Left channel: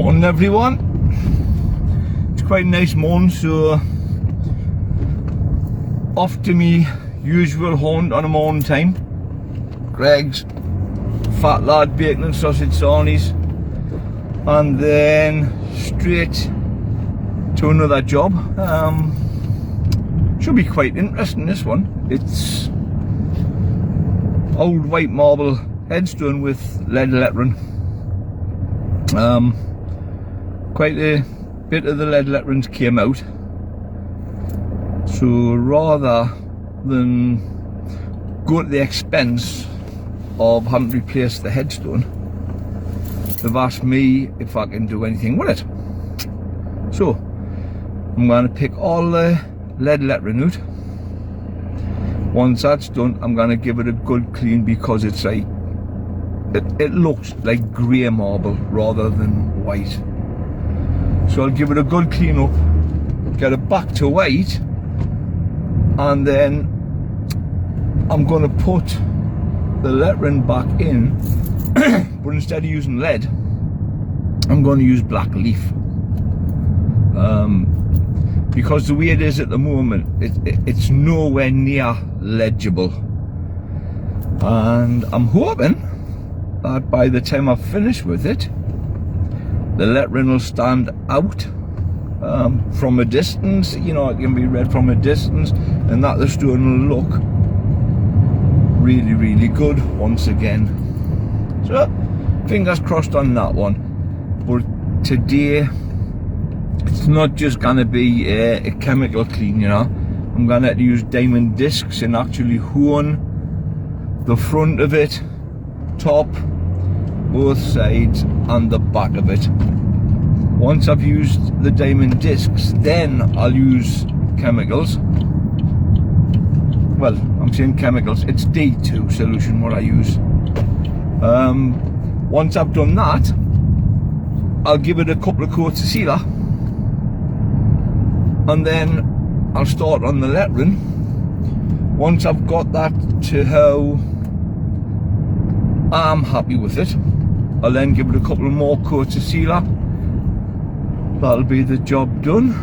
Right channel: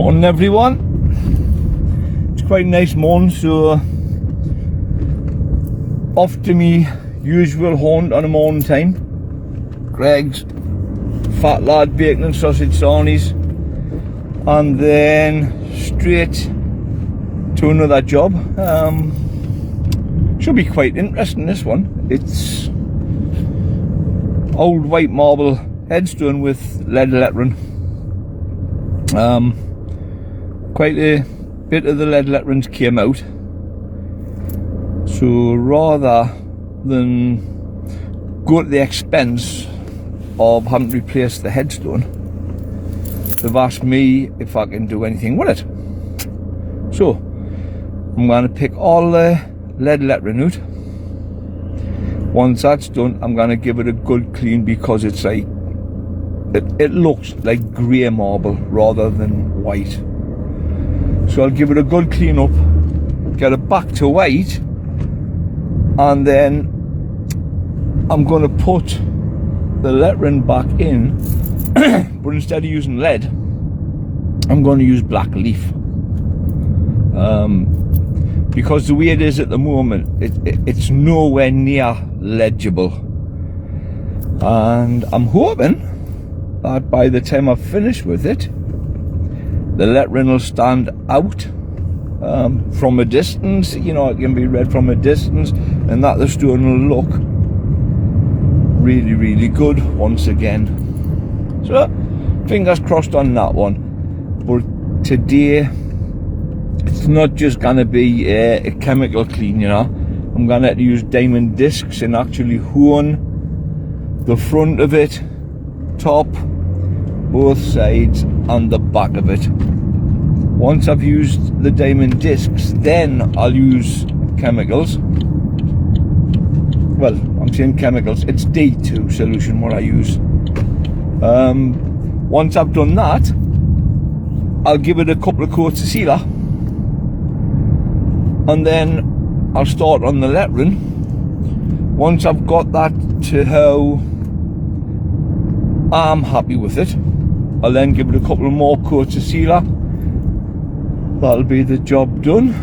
Morning everyone. It's quite a nice morning, so off to me usual haunt on a morning time. Greg's fat lad bacon and sausage sarnies, and then straight to another job. Should be quite interesting, this one. It's old white marble headstone with lead lettering. Quite a bit of the lead letterings came out, so rather than go to the expense of having to replace the headstone, they've asked me if I can do anything with it. So I'm going to pick all the lead lettering out. Once that's done, I'm going to give it a good clean, because it's like it looks like grey marble rather than white. So I'll give it a good clean up, get it back to white, and then I'm going to put the lettering back in, but instead of using lead, I'm going to use black leaf. Because the way it is at the moment, it's nowhere near legible, and I'm hoping that by the time I've finished with it, the lettering will stand out from a distance. You know, it can be read from a distance, and that the stone will look really, really good once again. So fingers crossed on that one. But today, it's not just going to be a chemical clean, you know. I'm going to have to use diamond discs and actually hone the front of it, top, both sides, and the back of it. Once I've used the diamond discs, then I'll use chemicals. Well, I'm saying chemicals, it's D2 solution what I use. Once I've done that, I'll give it a couple of coats of sealer, and then I'll start on the lettering. Once I've got that to how I'm happy with it, I'll then give it a couple more coats of sealer. That'll be the job done.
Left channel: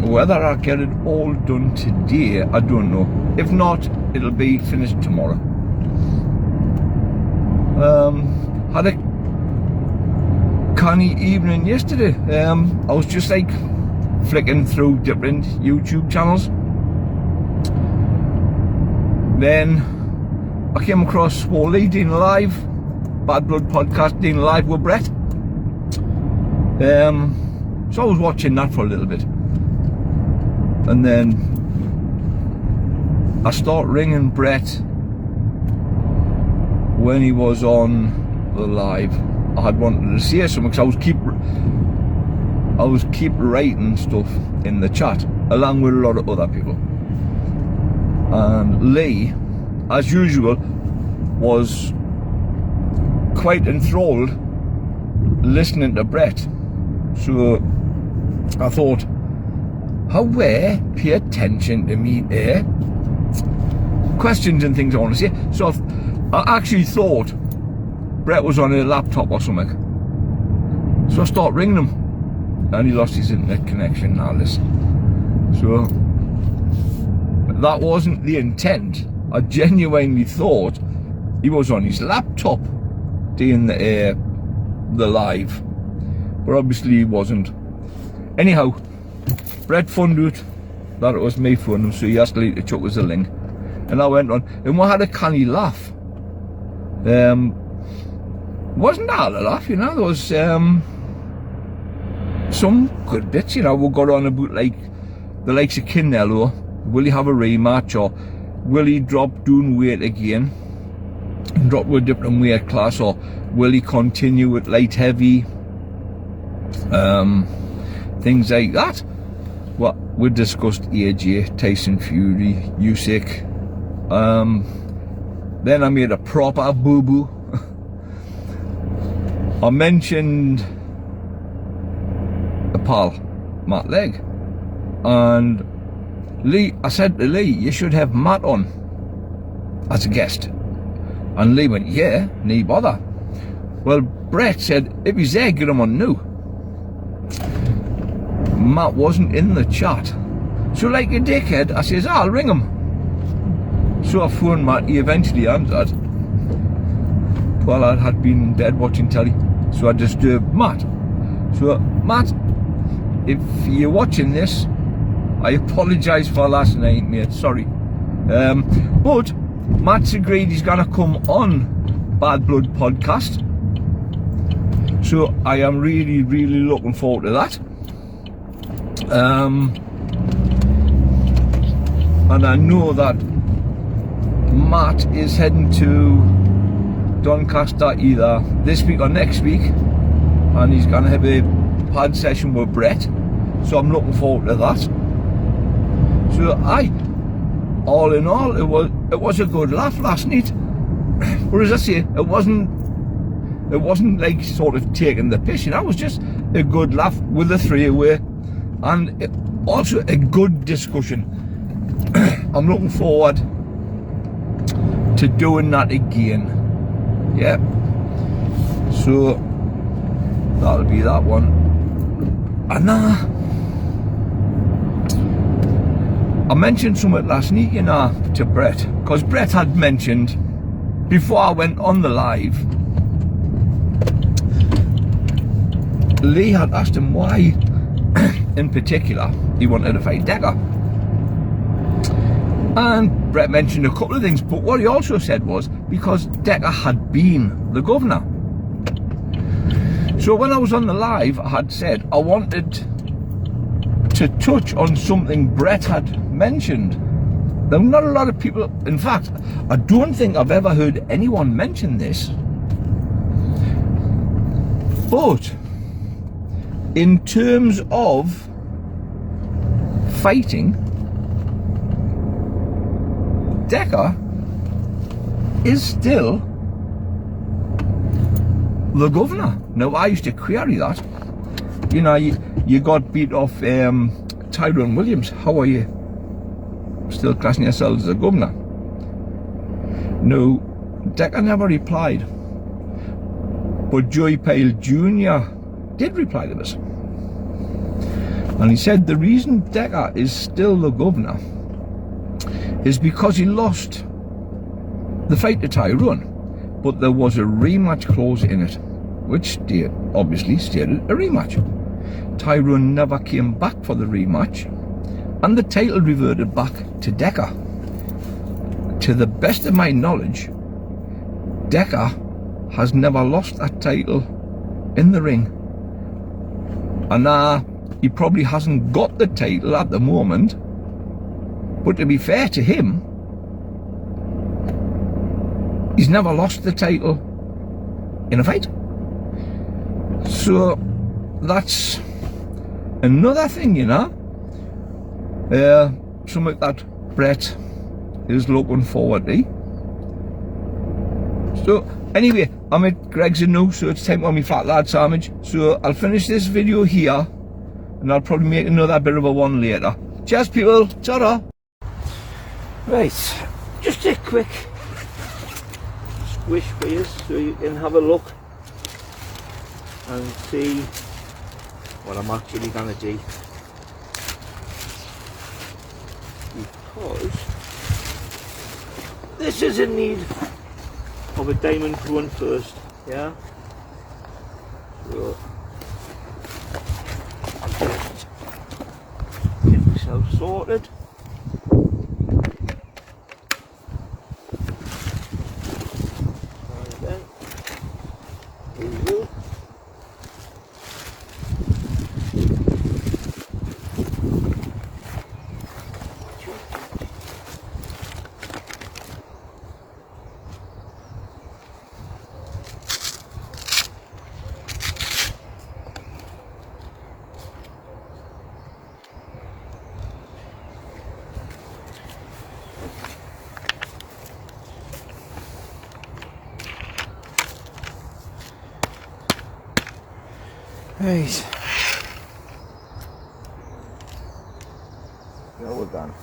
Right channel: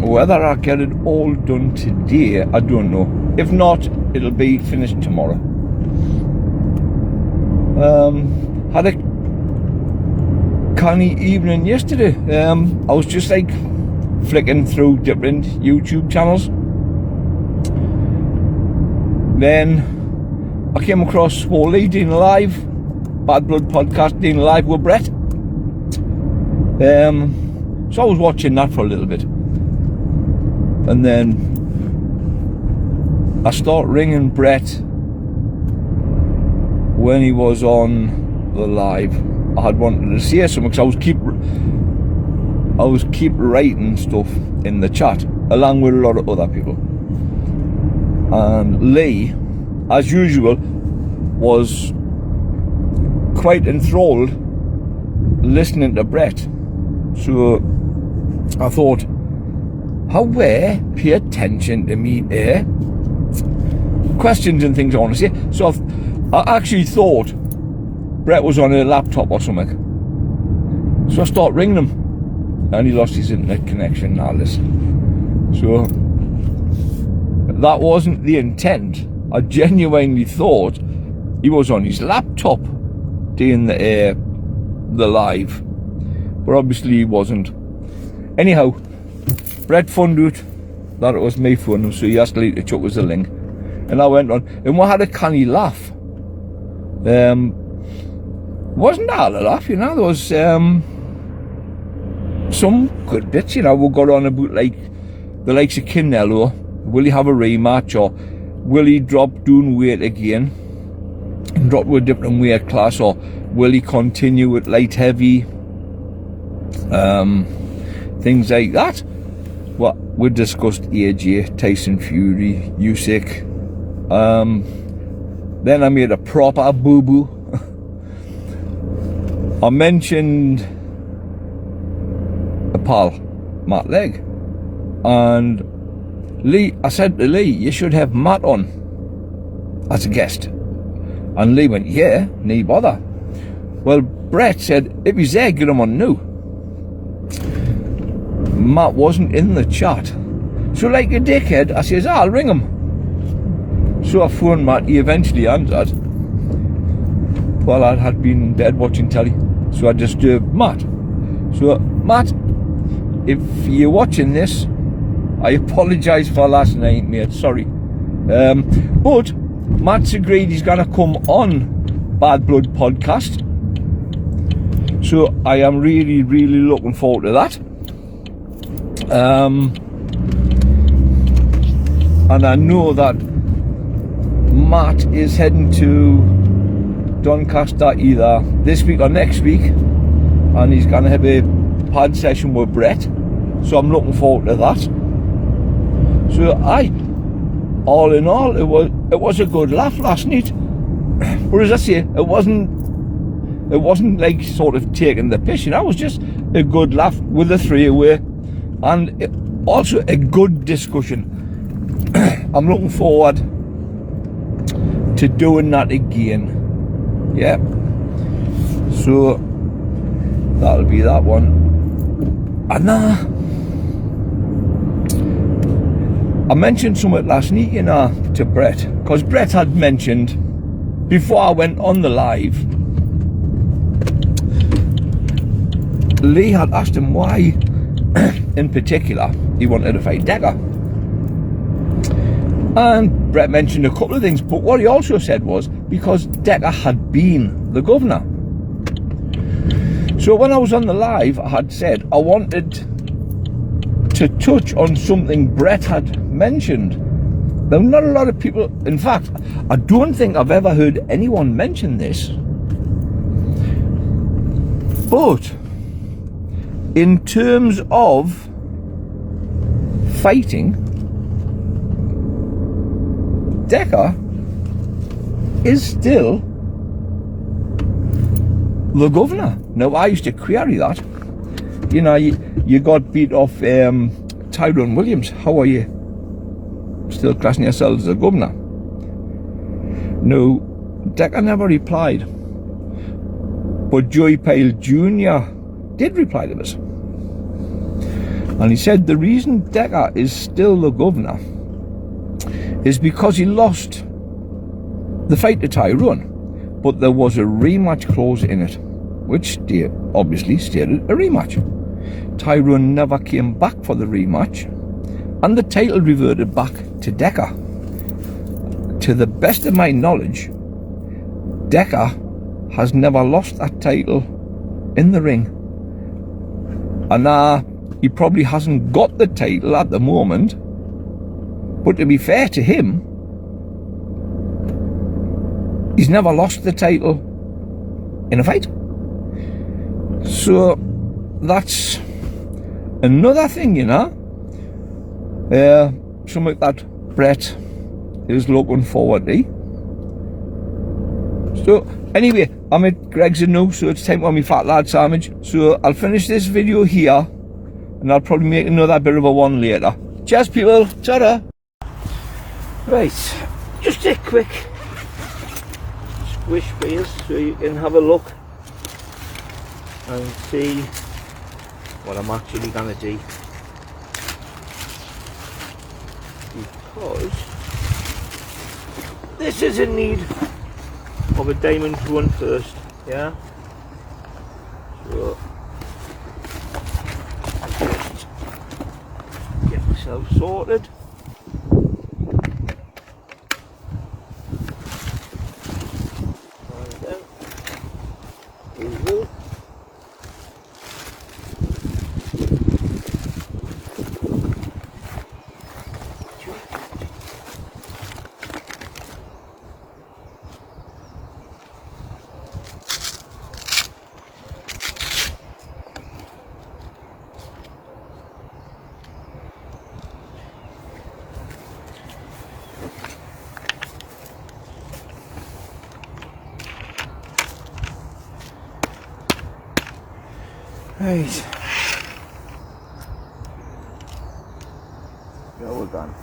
Whether I get it all done today, I don't know. If not, it'll be finished tomorrow. Had a canny evening yesterday. I was just like flicking through different YouTube channels. Then I came across Swoley doing live, Bad Blood podcast doing live with Brett. So I was watching that for a little bit, and then I start ringing Brett when he was on the live. I had wanted to say something, because I was keep writing stuff in the chat along with a lot of other people, and Lee, as usual, was quite enthralled listening to Brett. So I thought, how pay attention to me there, questions and things I want to say. So I actually thought Brett was on a laptop or something, so I start ringing him, and he lost his internet connection. Now listen, so that wasn't the intent. I genuinely thought he was on his laptop doing the live, but obviously he wasn't. Anyhow, Brett found out that it was me phoning, so he asked Lee to chuck us a link, and I went on, and we had a canny laugh. Wasn't that a laugh, you know? There was some good bits, you know. We got on about like the likes of Canelo. Will he have a rematch, or will he drop down weight again and drop to a different weight class, or will he continue with light heavy? Things like that. Well, we discussed AJ, Tyson Fury, Usyk. Then I made a proper boo-boo. I mentioned a pal, Matt Legg, and Lee, I said to Lee, you should have Matt on as a guest. And Lee went, yeah, no bother. Well, Brett said, if he's there, get him on now. Matt wasn't in the chat. So like a dickhead, I says, I'll ring him. So I phoned Matt, he eventually answered. Well, I had been in bed watching telly, so I disturbed Matt. So, Matt, if you're watching this, I apologise for last night, mate, sorry. But Matt's agreed he's going to come on Bad Blood podcast. So I am really, really looking forward to that. And I know that Matt is heading to Doncaster either this week or next week, and he's going to have a pad session with Brett. So I'm looking forward to that. So all in all, it was a good laugh last night. Or as I say, it wasn't like sort of taking the piss, you know. It was just a good laugh with the three away, and also a good discussion. I'm looking forward to doing that again. Yeah. So that'll be that one. And I mentioned something last night, you know, to Brett, because Brett had mentioned before I went on the live. Lee had asked him why, in particular, he wanted to fight Decker. And Brett mentioned a couple of things, but what he also said was because Decker had been the governor. So when I was on the live, I had said I wanted to touch on something Brett had mentioned. Now, not a lot of people, in fact, I don't think I've ever heard anyone mention this, but in terms of fighting, Decker is still the governor. Now, I used to query that. You know, you got beat off Tyrone Williams. How are you still classing yourselves as a governor? No, Decker never replied. But Joey Pyle Jr. did reply to this. And he said the reason Decker is still the governor is because he lost the fight to Tyrone, but there was a rematch clause in it, which obviously stated a rematch. Tyrone never came back for the rematch, and the title reverted back to Decker. To the best of my knowledge, Decker has never lost that title in the ring, and he probably hasn't got the title at the moment. But to be fair to him, he's never lost the title in a fight. So that's another thing, you know. Something that Brett is looking forward to. So anyway, I'm at Greg's now, so it's time for me fat lad sandwich. So I'll finish this video here, and I'll probably make another bit of a one later. Cheers, people. Ta-da. Right, just a quick squish for you so you can have a look and see what I'm actually going to do, because this is in need of a diamond run first, yeah. So I'll just get myself sorted. Right. Well, we're done.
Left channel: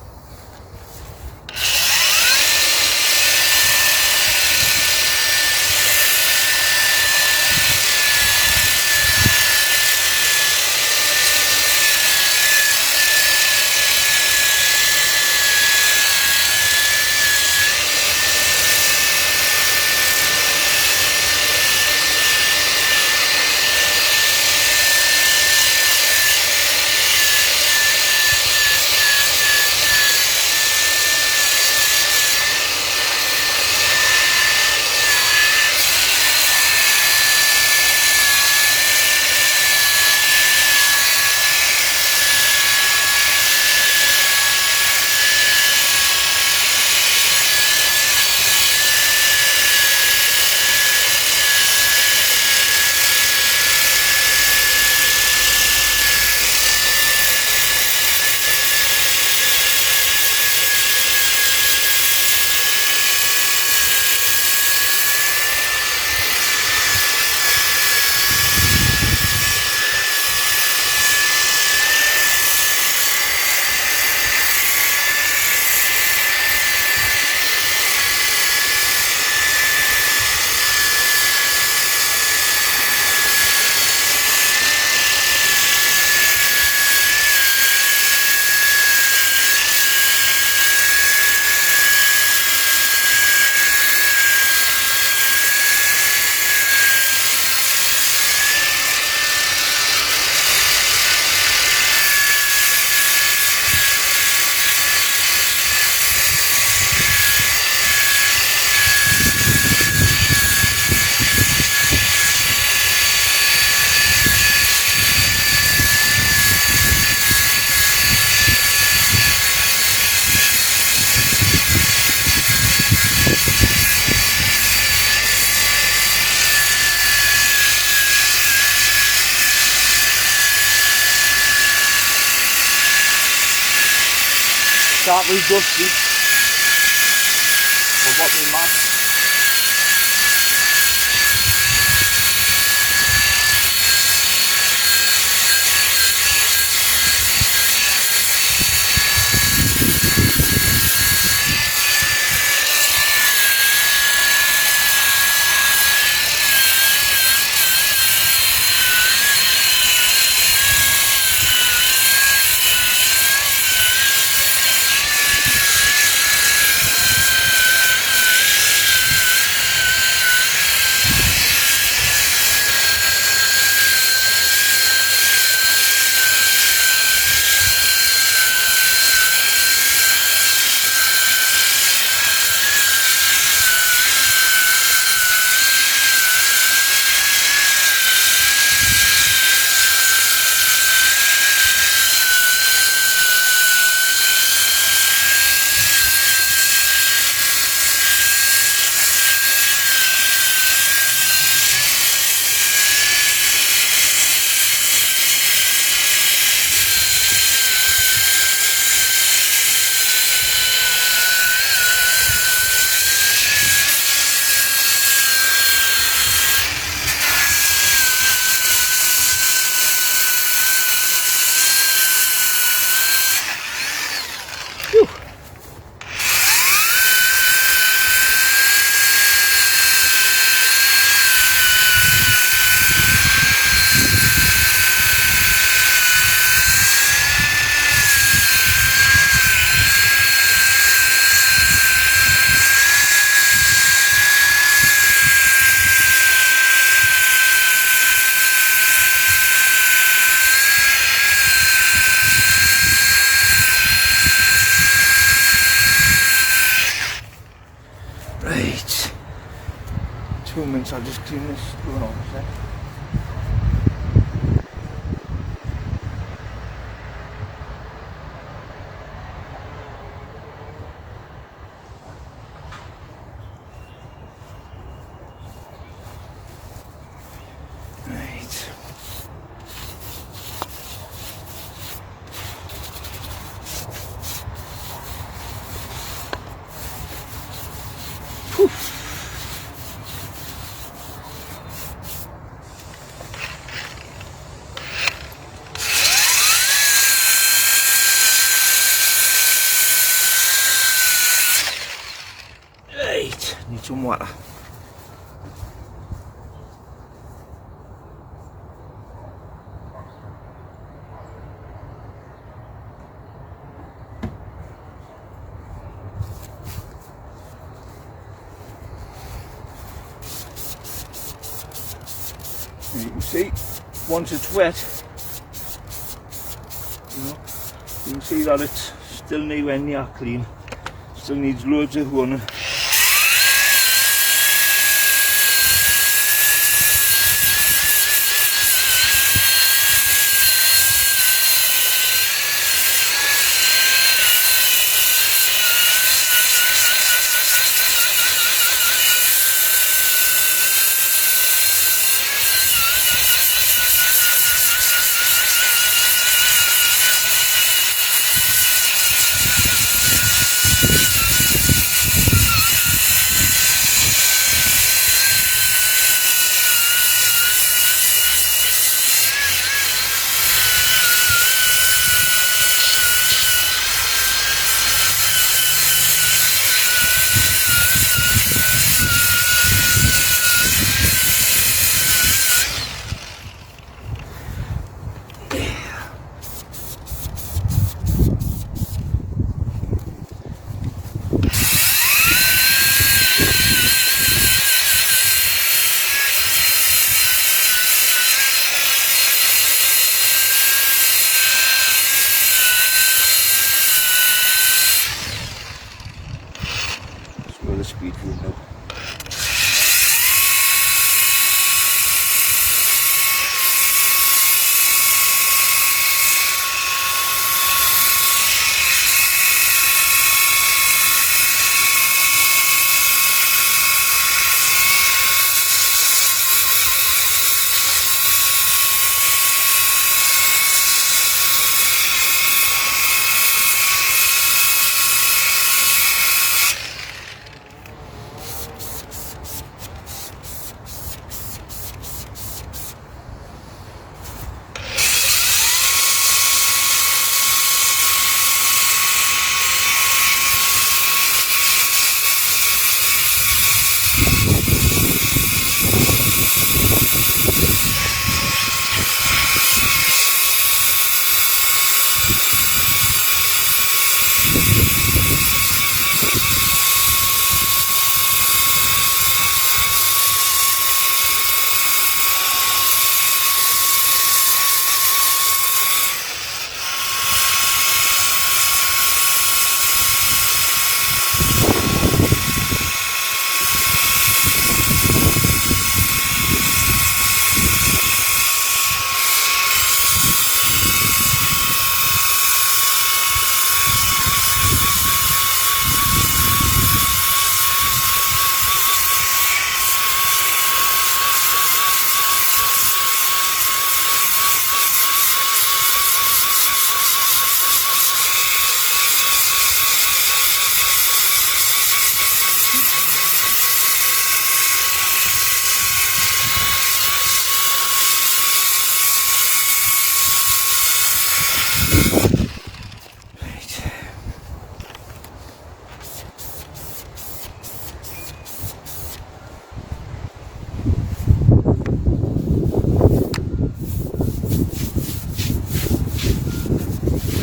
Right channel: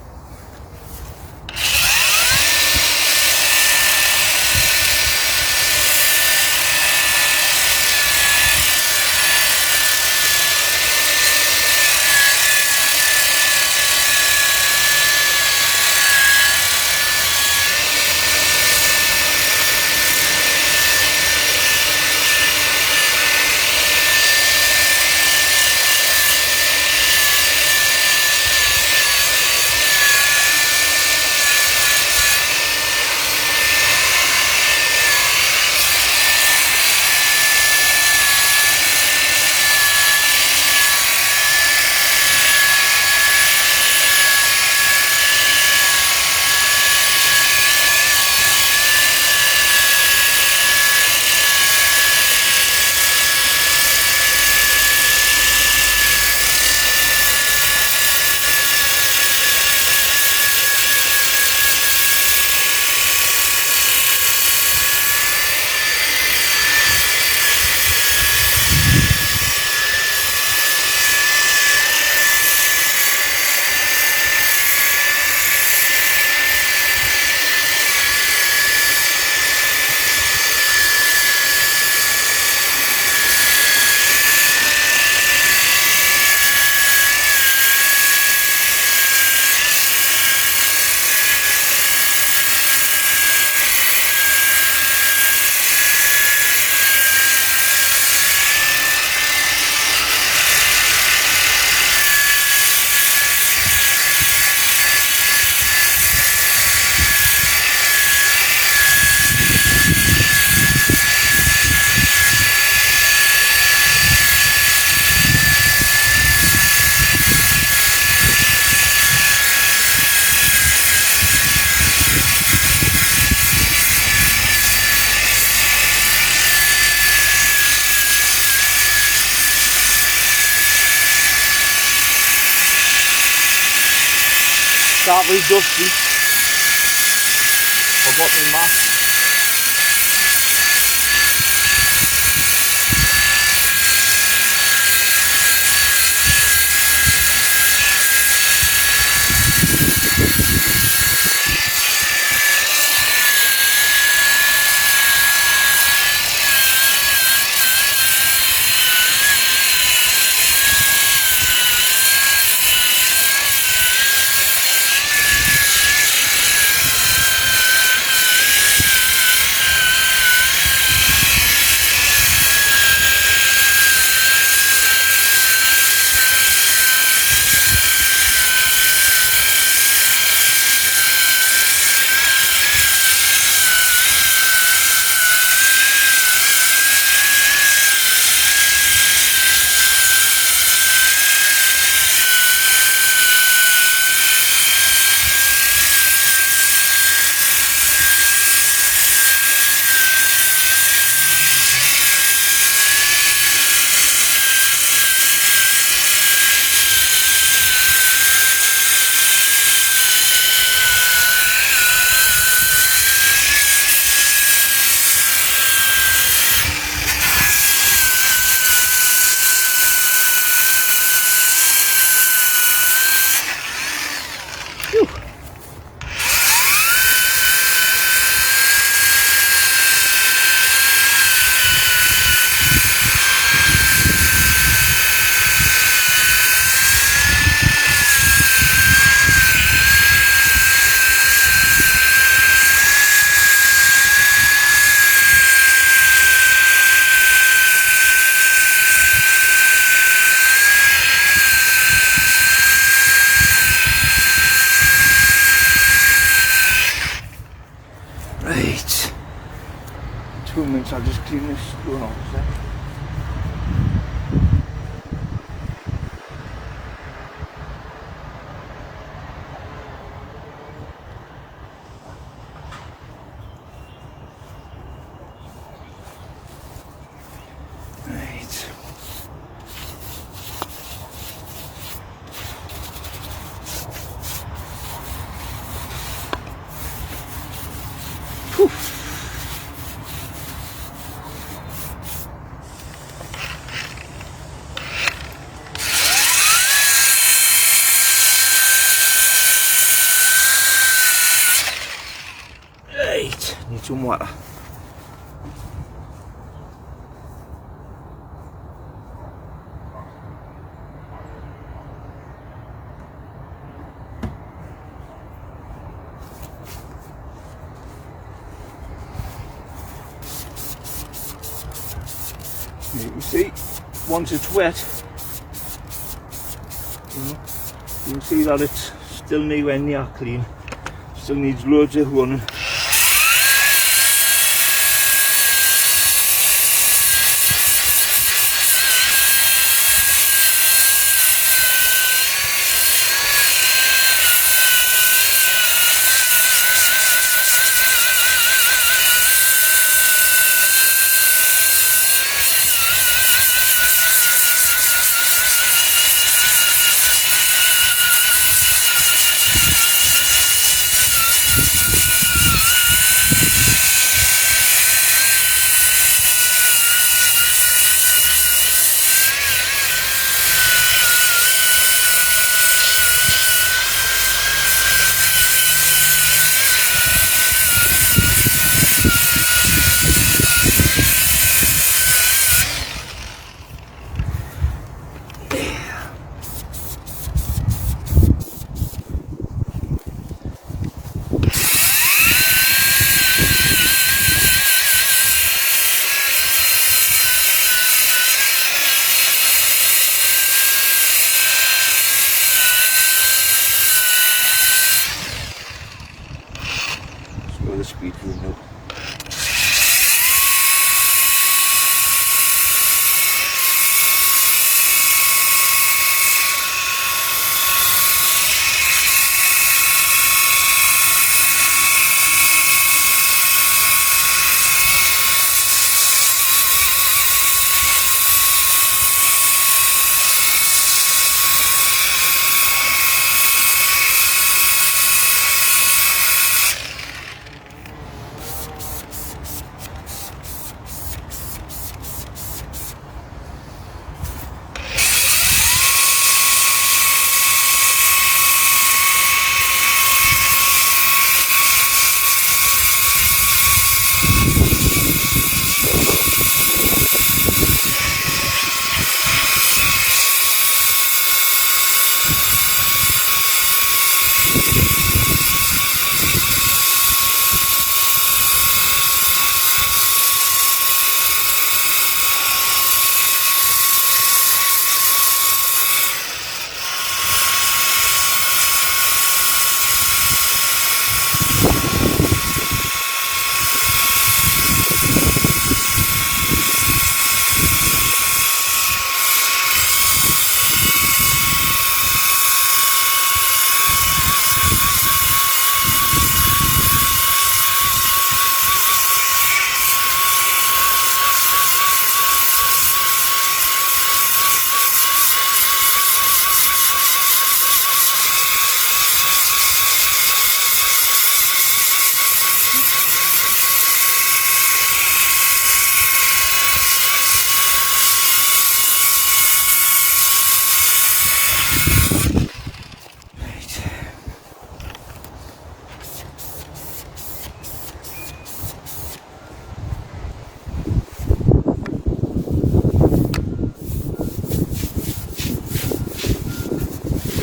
start very dusty. Forgot my mask. Right. 2 minutes, I'll just clean this going on. Right. Whew. Right, need some water. And you can see, once it's wet, you can see that it's still nowhere near clean. Still needs loads of running.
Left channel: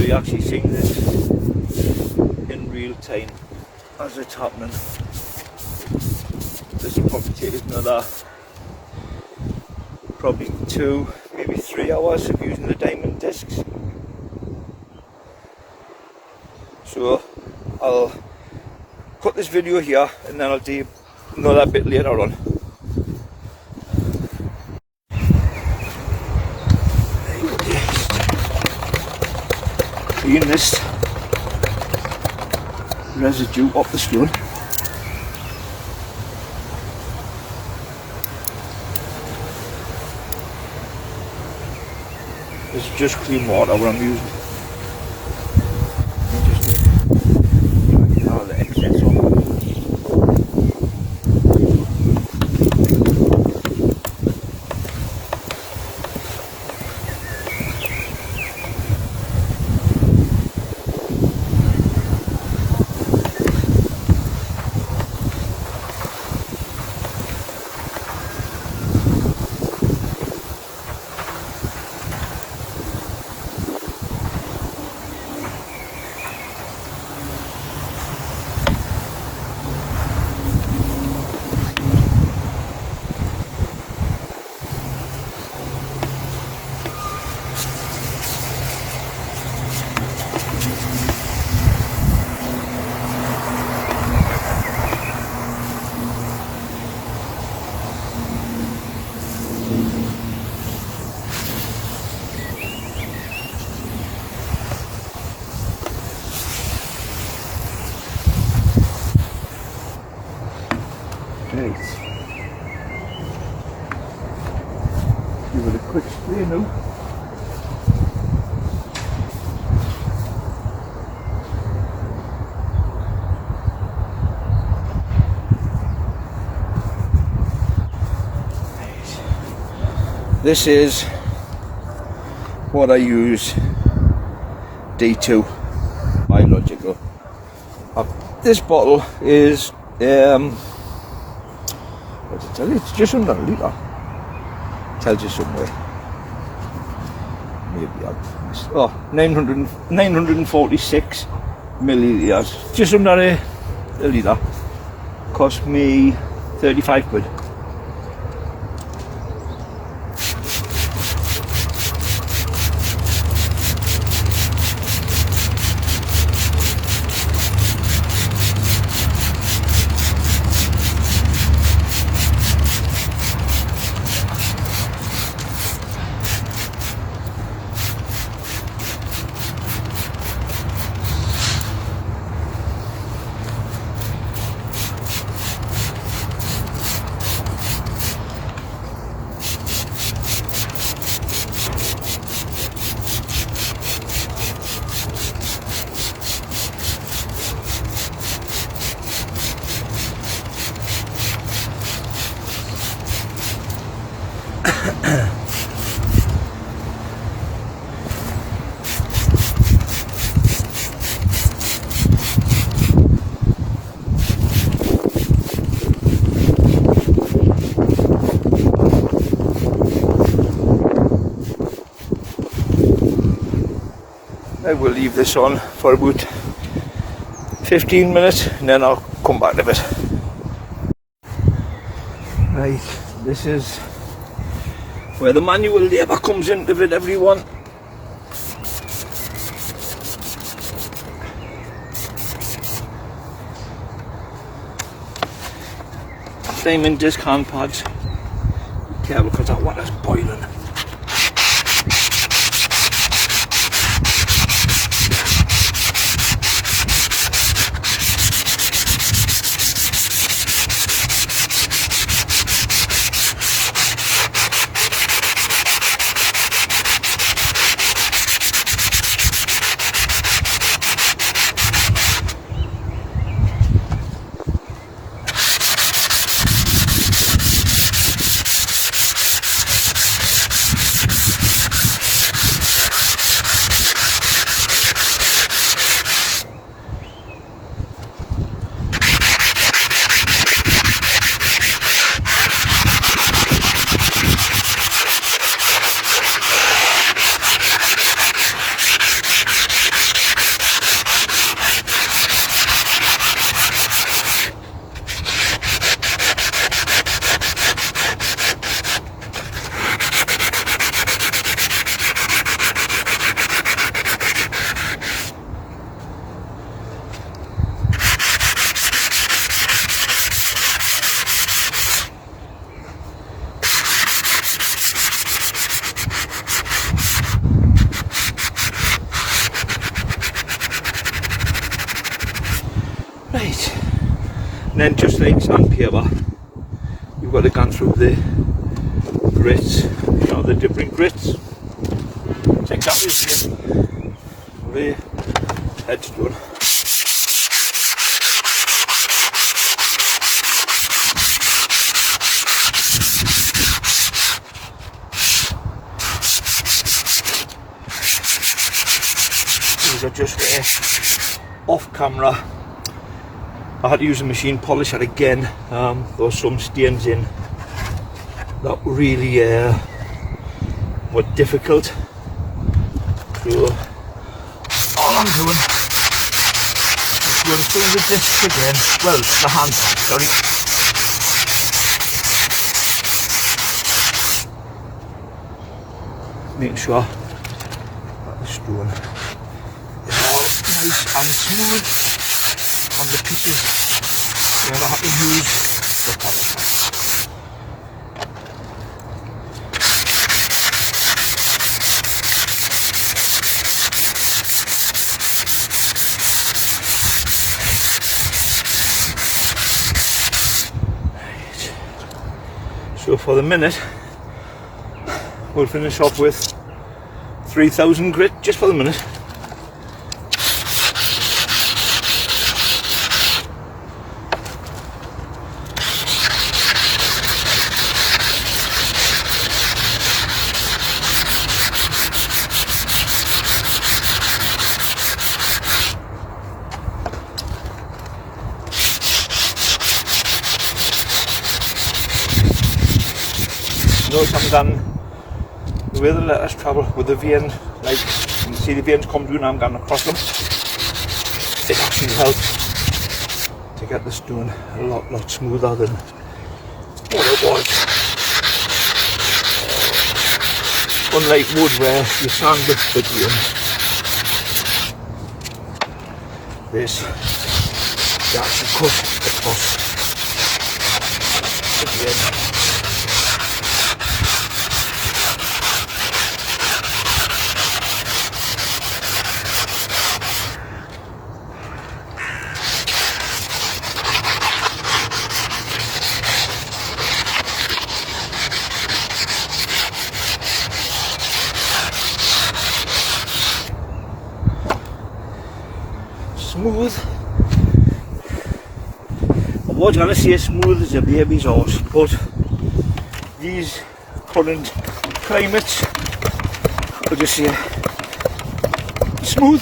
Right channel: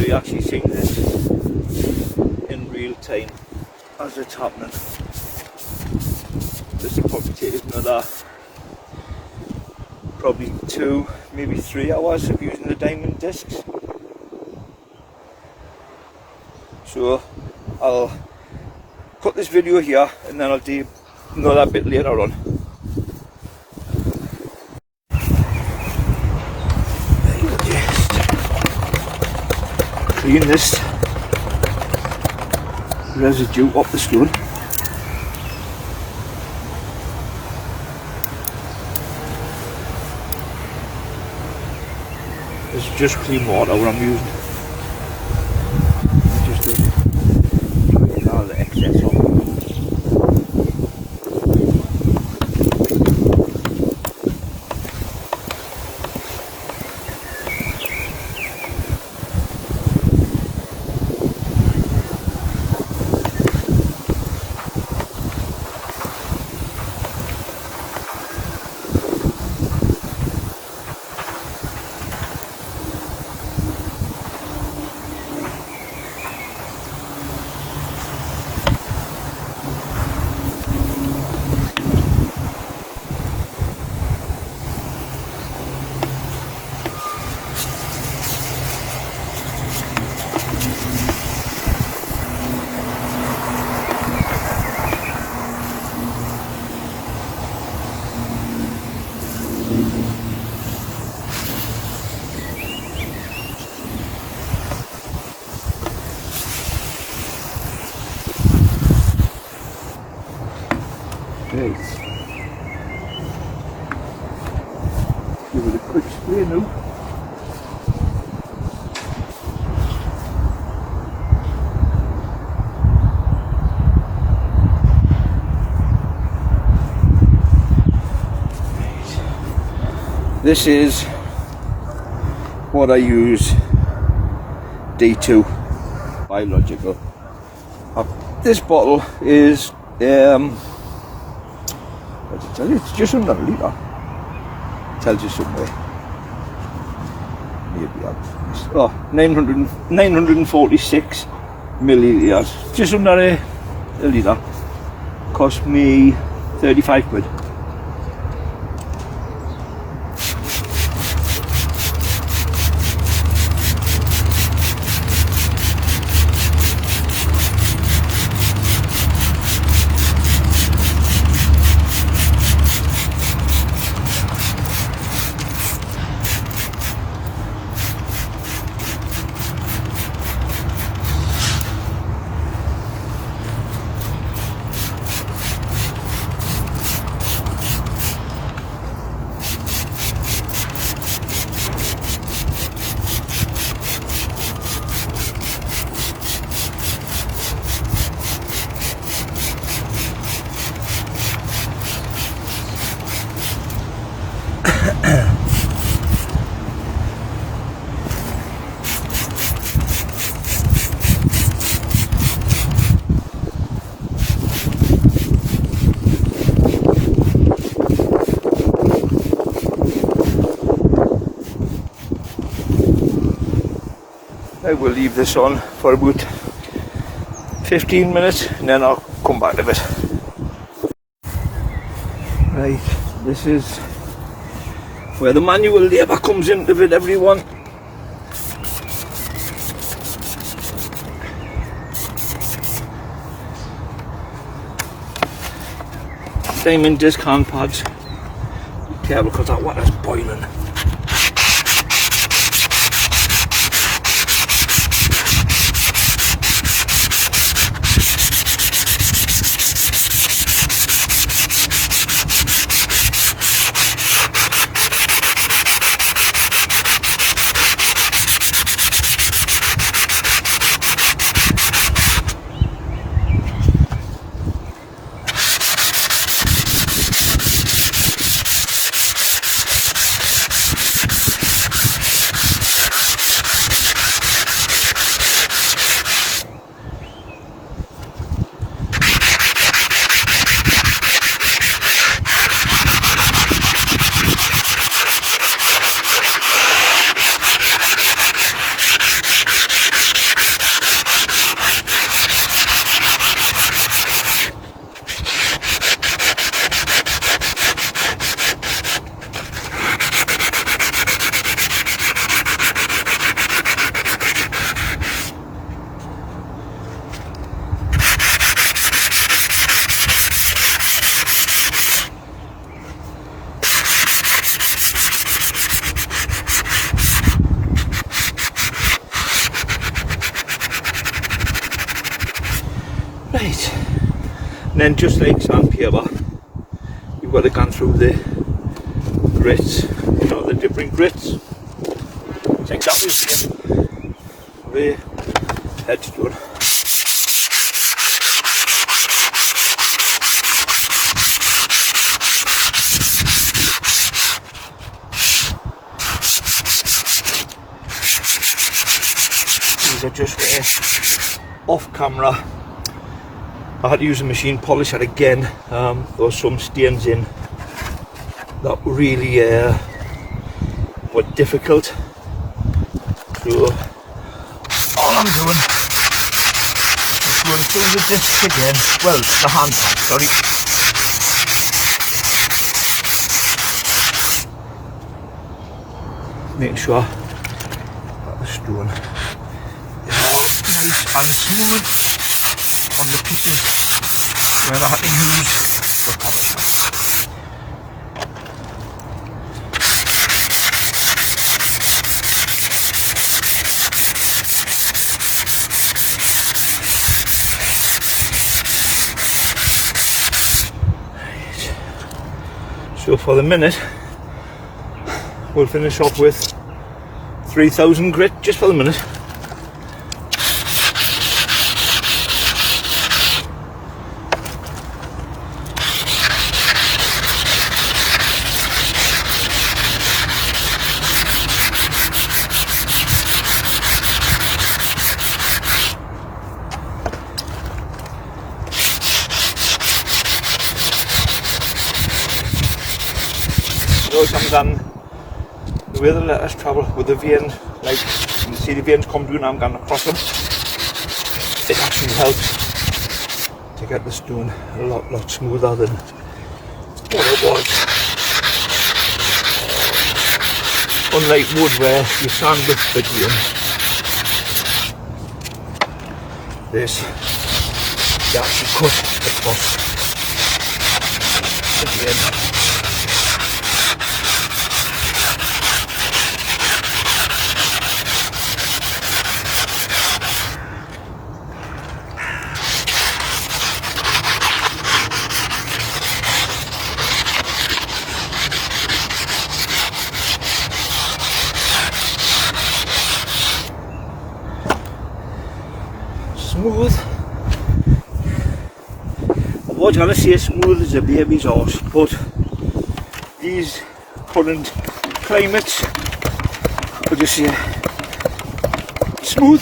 we actually see in real time as it's happening. This will probably take another probably 2, maybe 3 hours of using the diamond discs. So I'll put this video here and then I'll do another bit later on. Clean this residue off the stone. It's just clean water what I'm using. Just all the excess off. Right. Give it a quick spray now. This is what I use D2 biological. This bottle is what did it tell you? It's just under a litre. Tells you somewhere. Maybe I've 946 millilitres. Just under a litre. Cost me 35 quid. I will leave this on for about 15 minutes and then I'll come back to it. Right, this is where the manual labour comes into it, everyone. Diamond disc hand pads. Be careful because that water's boiling. Right, and then just like sandpaper, you've got to go through the grits, you know, the different grits. It's exactly the headstone. These are just off camera. I had to use a machine polisher again. There was some stains in that really were difficult. So all I'm doing is going through the disc again. Well, the hand, sorry. Make sure that the stone is all nice and smooth on the pieces where I had to use the polisher. So for the minute, we'll finish off with 3000 grit, just for the minute. Notice I'm done the way the letters travel with the vein, like you can see the veins come through and I'm going across them. It actually helps to get the stone a lot smoother than what it was. Unlike wood where you sand with the vein, this you actually cut across the vein. Smooth. I was going to say smooth as a baby's horse, but these current climates, I'll just say smooth.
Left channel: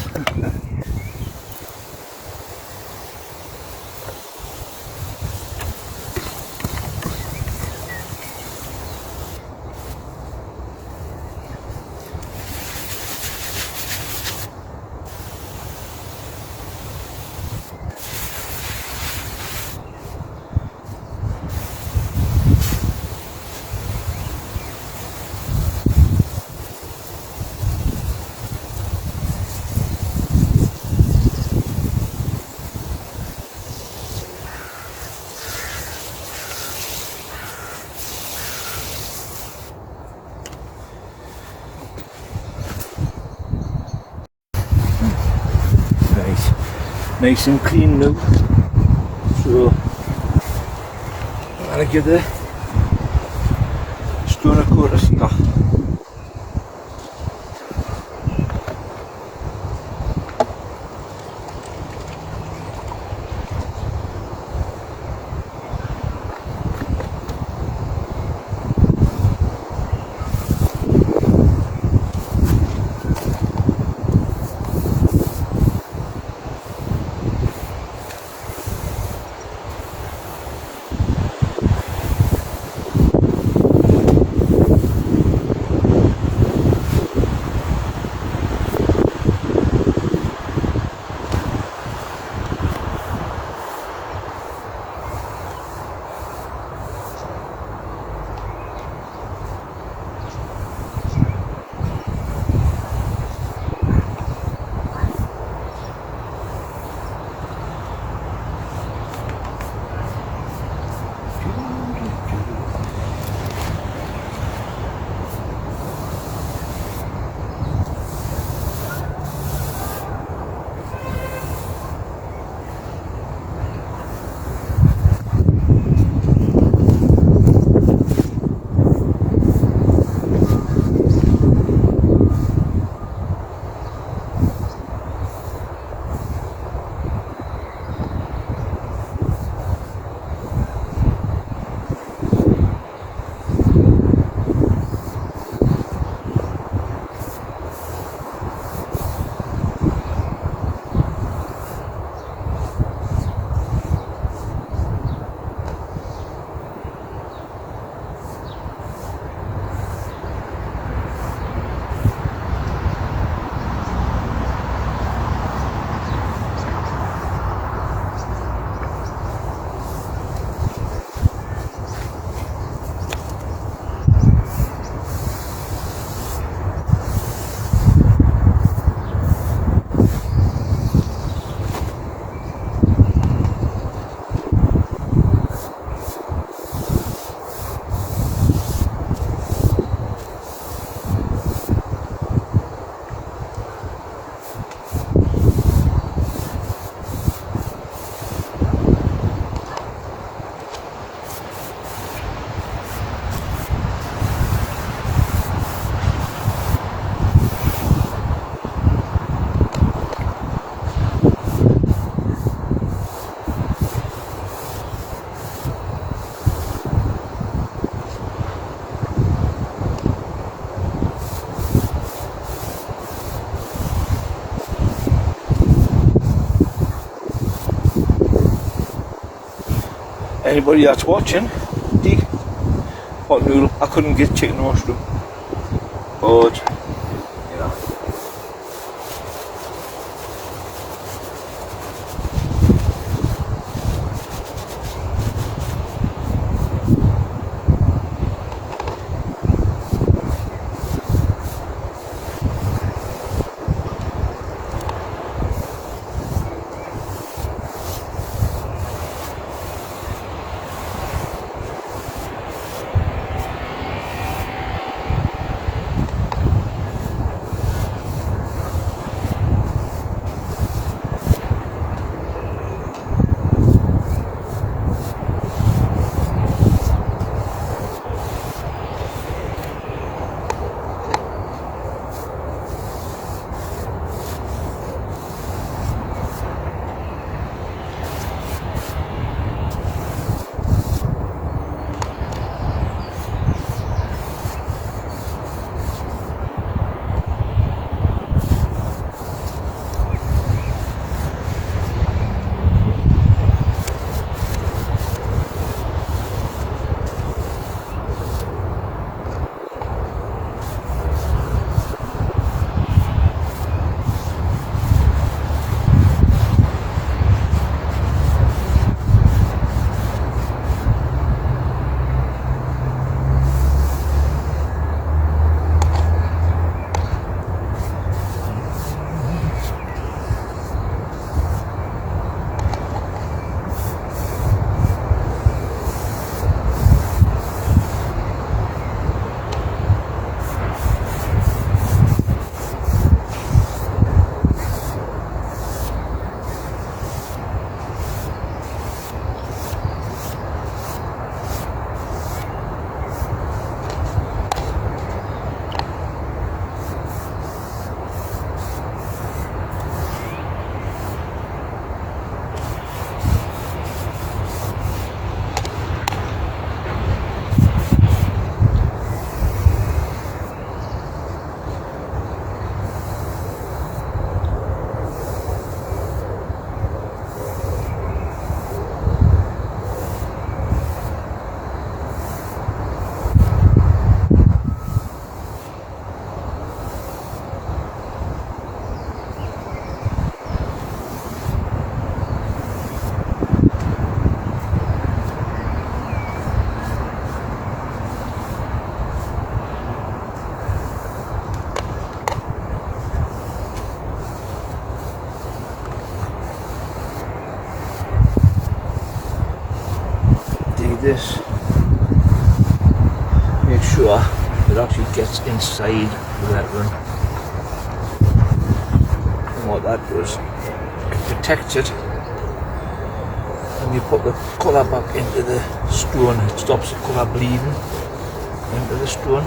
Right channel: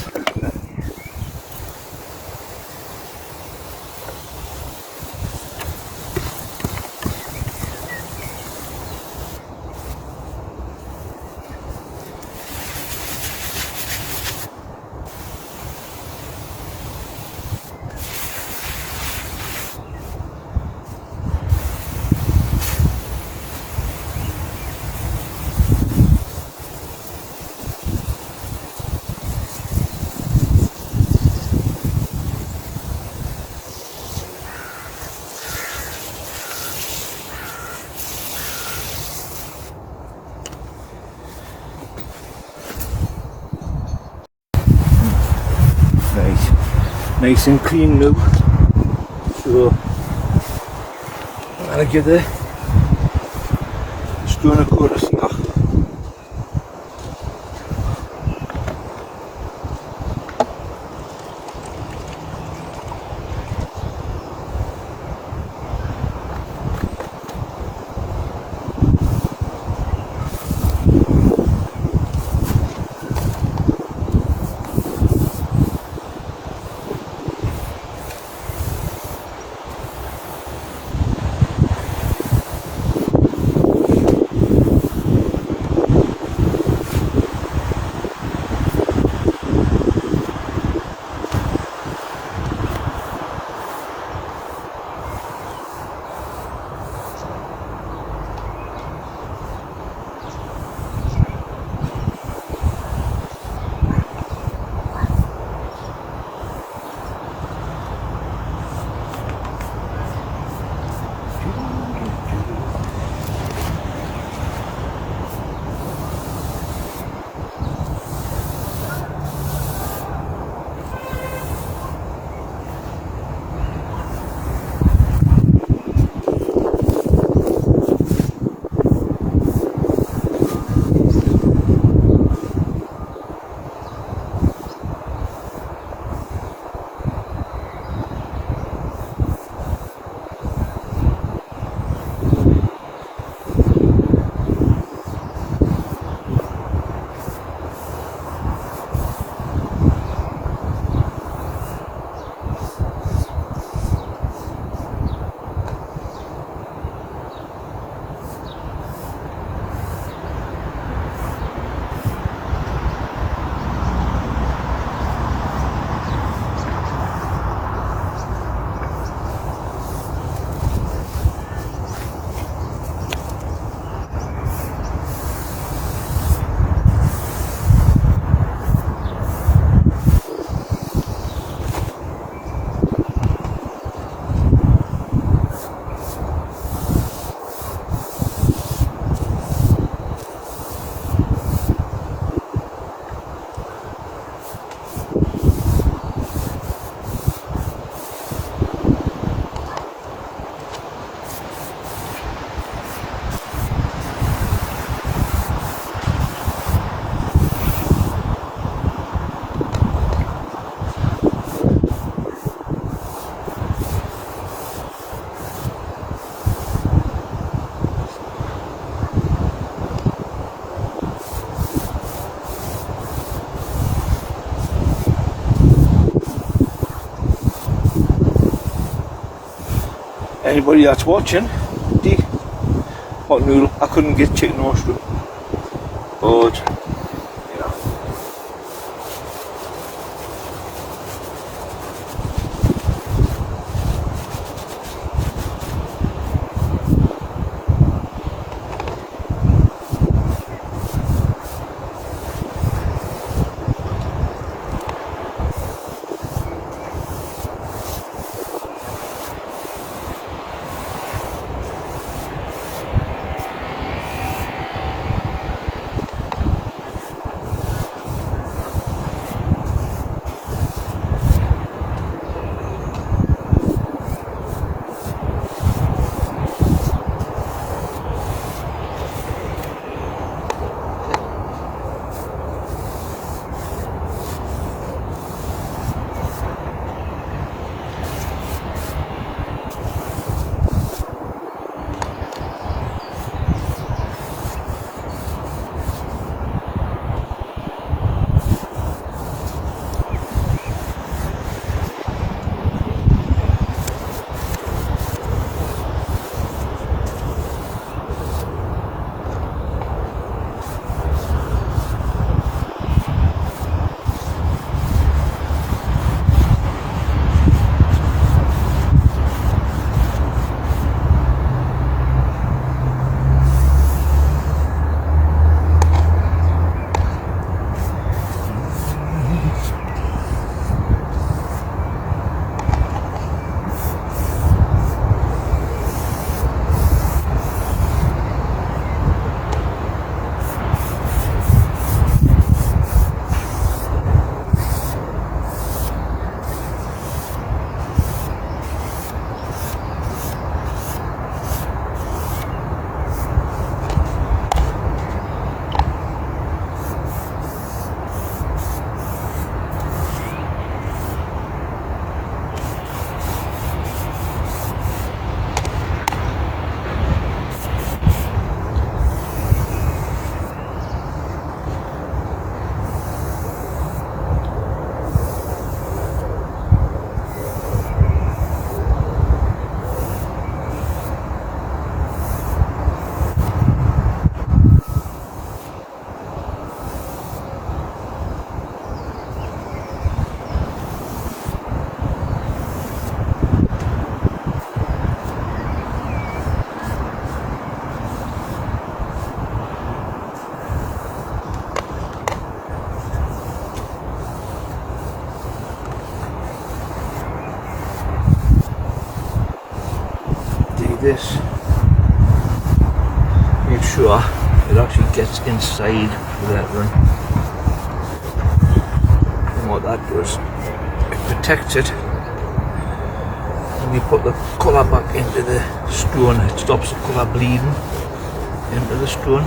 Nice and clean now. So I'm gonna give the stone a coat of here. anybody that's watching, dig pot noodle. I couldn't get chicken roast, but you know. This, make sure it actually gets inside the lettering, and what that does, it protects it. When you put the colour back into the stone, it stops the colour bleeding into the stone.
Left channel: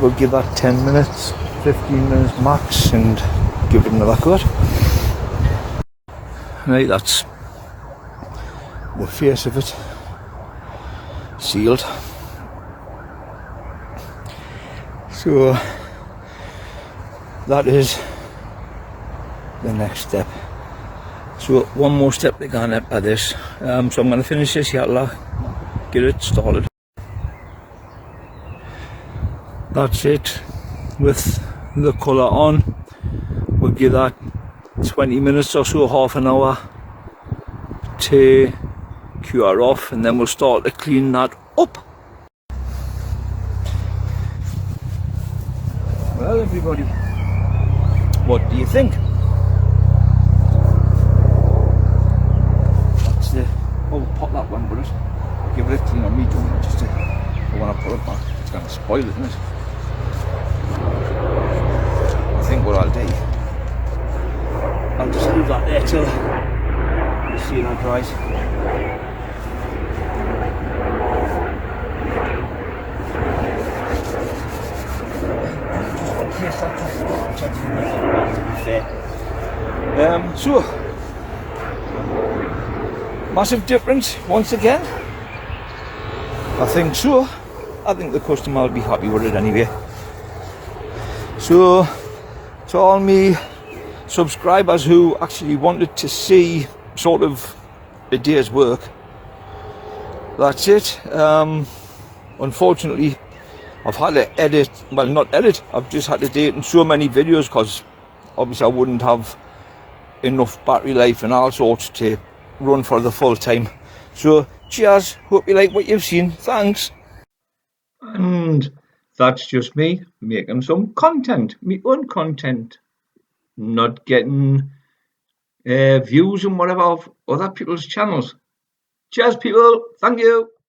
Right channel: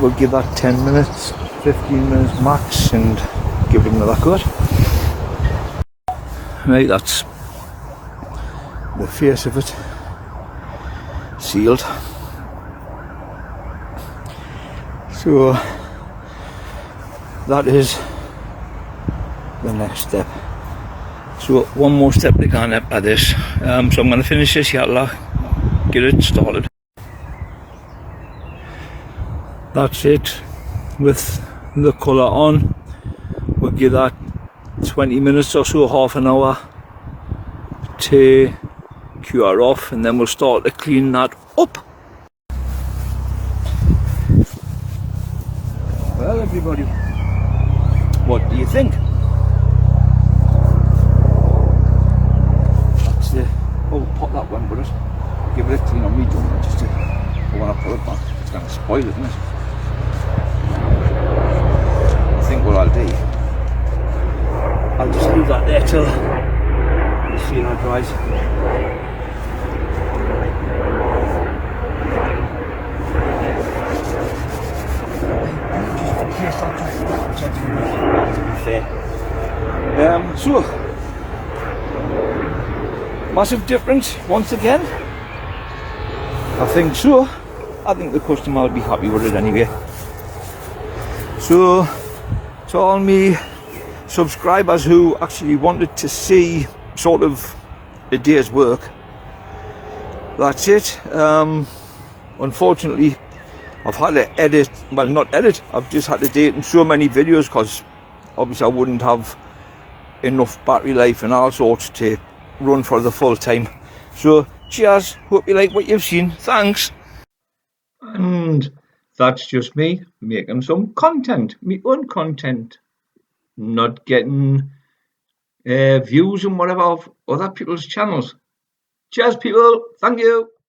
we'll give that 10 minutes, 15 minutes max and give it another cut. Right, that's the face of it, sealed. So that is the next step. So one more step to go at this. So I'm going to finish this yatla, get it started. That's it with the colour on. We'll give that 20 minutes or so, half an hour to cure off, and then we'll start to clean that up. Well, everybody, what do you think? That's the, oh, pop that one, but give it a clean on me, don't I? Just to, I want to put it back. It's going to spoil it, isn't it? I think what I'll do, I'll just leave that there till you see that dries. To be fair. So, massive difference once again. I think so. I think the customer will be happy with it anyway. So, to all me subscribers who actually wanted to see sort of a day's work, that's it. Unfortunately, I've had to edit, well, not edit, I've just had to do it in so many videos because obviously I wouldn't have enough battery life and all sorts to run for the full time. So cheers, hope you like what you've seen, thanks. And that's just me making some content, my own content, not getting views and whatever of other people's channels. Cheers people, thank you.